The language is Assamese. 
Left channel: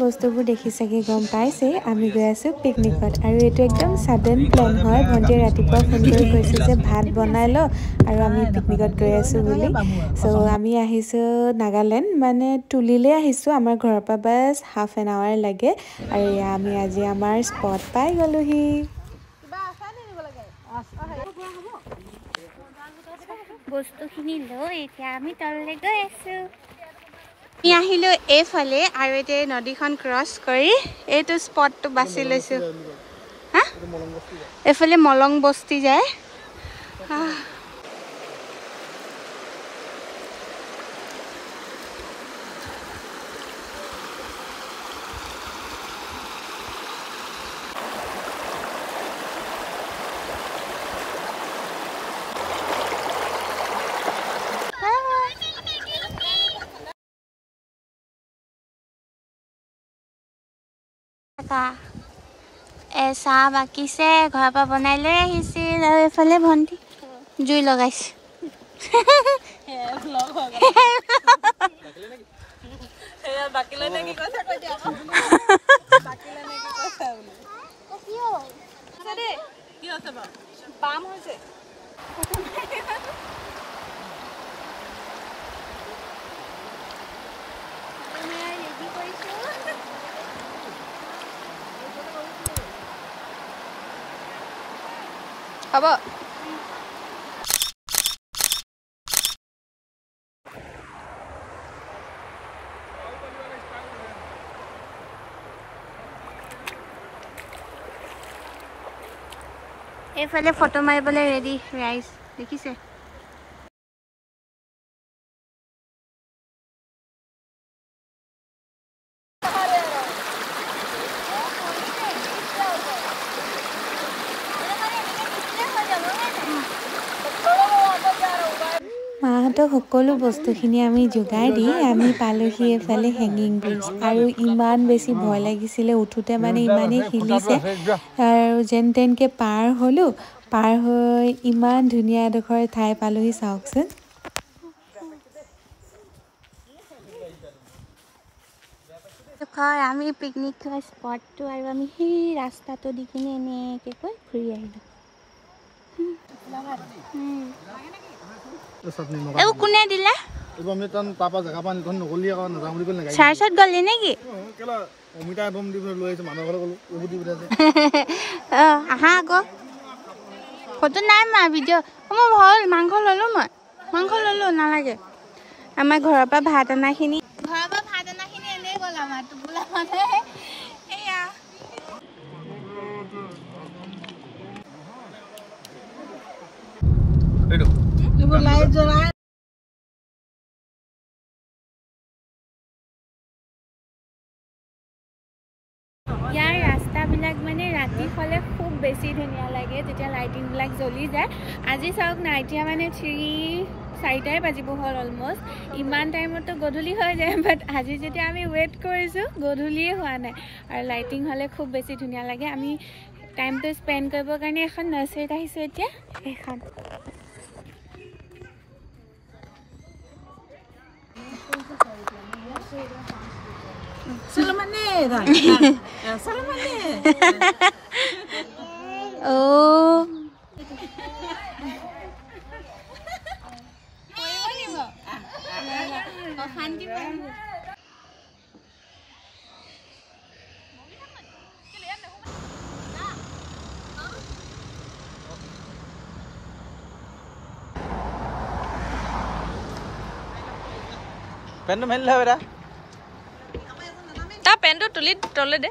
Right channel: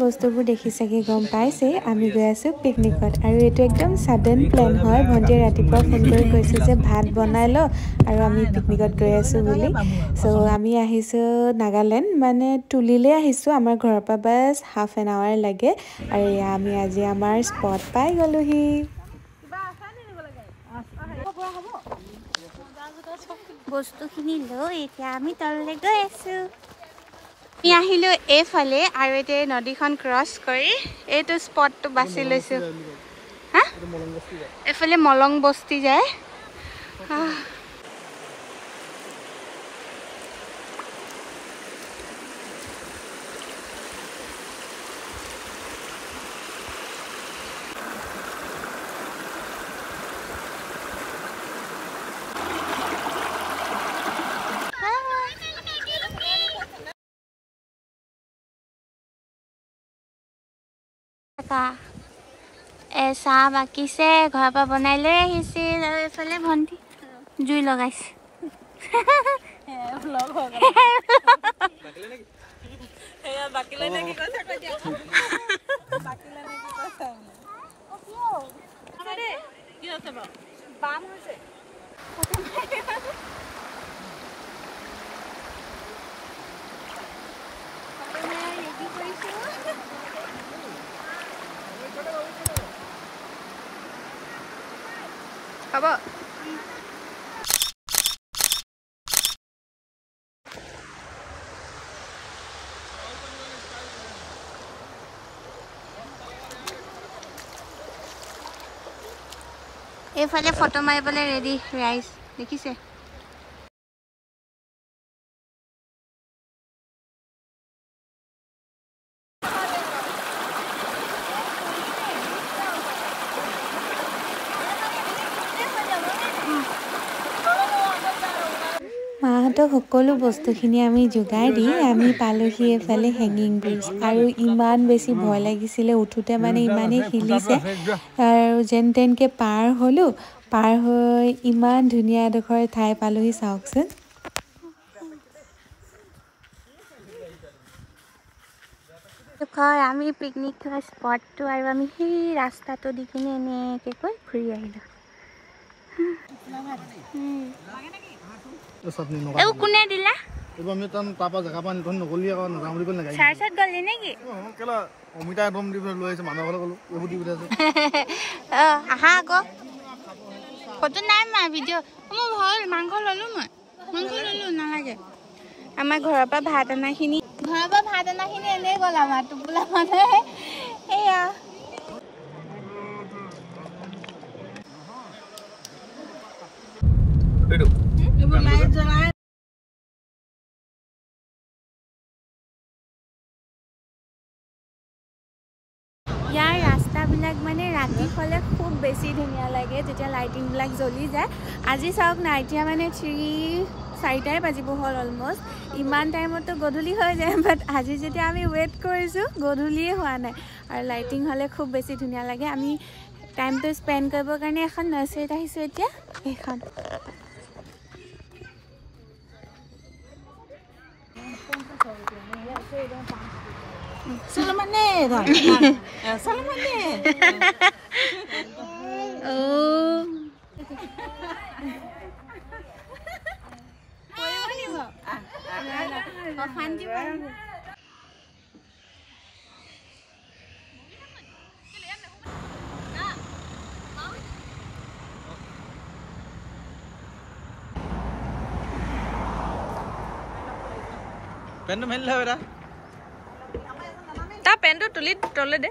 বস্তুবোৰ দেখি চাগে গম পাইছে আমি গৈ আছো পিকনিকত আৰু এটো একদম সাডেন প্ল্যান হয় ভন্টিয়ে ৰাতিপুৱা ফোন কৰি কৈছে যে ভাত বনাই ল আৰু আমি পিকনিকত গৈ আছো বুলি সো আমি আহিছো নাগালেণ্ড মানে তুলিলে আহিছো আমাৰ ঘৰৰ পৰা বাস হাফ এন আৱাৰ লাগে আৰু আমি আজি আমাৰ স্পট পাই গলোহি বস্তুখিনি লৈ এতিয়া আমি তললৈ গৈ আছো আমি আহিলো এইফালে আৰু এতিয়া নদীখন ক্ৰছ কৰি এইটো স্পটটো বাছি লৈছো হা এইফালে মলং বস্তি যায় চাহ বাকিছে ঘৰৰ পৰা বনাই লৈ আহিছিল আৰু এইফালে ভন্টি জুই লগাইছে হ'ব এইফালে ফটো মাৰিবলৈ ৰেডি ৰাইজ দেখিছে মাহঁতক সকলো বস্তুখিনি আমি যোগাই দি আমি পালোহি এফালে হেঙিং ব্ৰিজ আৰু ইমান বেছি ভয় লাগিছিলে উঠোতে মানে ইমানেই হিলিছে আৰু যেন তেনকে পাৰ হলো পাৰ হৈ ইমান ধুনীয়া এডোখৰ ঠাই পালোহি চাওকচোন আমি পিকনিক খোৱা স্পটটো আৰু আমি সেই ৰাস্তাটো দি কিনে এনেকৈ কৈ ঘূৰি আহিলো এও কোনে দিলা এবাৰ আমি তান পাপা জাগা পান কোন নগলি আকৌ নাযাম বুলি কলে চাৰ্চত গলি নেকি কেলা অমিতা একদম দি লৈ আহিছে মানুহ ঘৰলৈ গলো এবু দি পঠাইছে আহা আকৌ ফটো নাই মা ভিডিঅ' মই ভাল মাংস ললো নালাগে আমাৰ ঘৰৰ পৰা ভাত অনাখিনি এনেই গ'ল আমাৰ টোপোলা মানে এয়া ইয়াৰ ৰাস্তাবিলাক মানে ৰাতি হ'লে খুব বেছি ধুনীয়া লাগে যেতিয়া লাইটিংবিলাক জ্বলি যায় আজি চাওক না এতিয়া মানে 4টাই বাজিব হ'ল অলমষ্ট ইমান টাইমতো গধূলি হৈ যায় বাট আজি যেতিয়া আমি ৱেইট কৰিছোঁ গধূলিয়ে হোৱা নাই আৰু লাইটিং হ'লে খুব বেছি ধুনীয়া লাগে আমি টাইমটো স্পেণ্ড কৰিবৰ কাৰণে এখন নাৰ্চাৰীত আহিছোঁ এতিয়া এইখন Salamane. Oh. পেনটো মেলিলে বেটা তা পেনটো তুলি তলে দে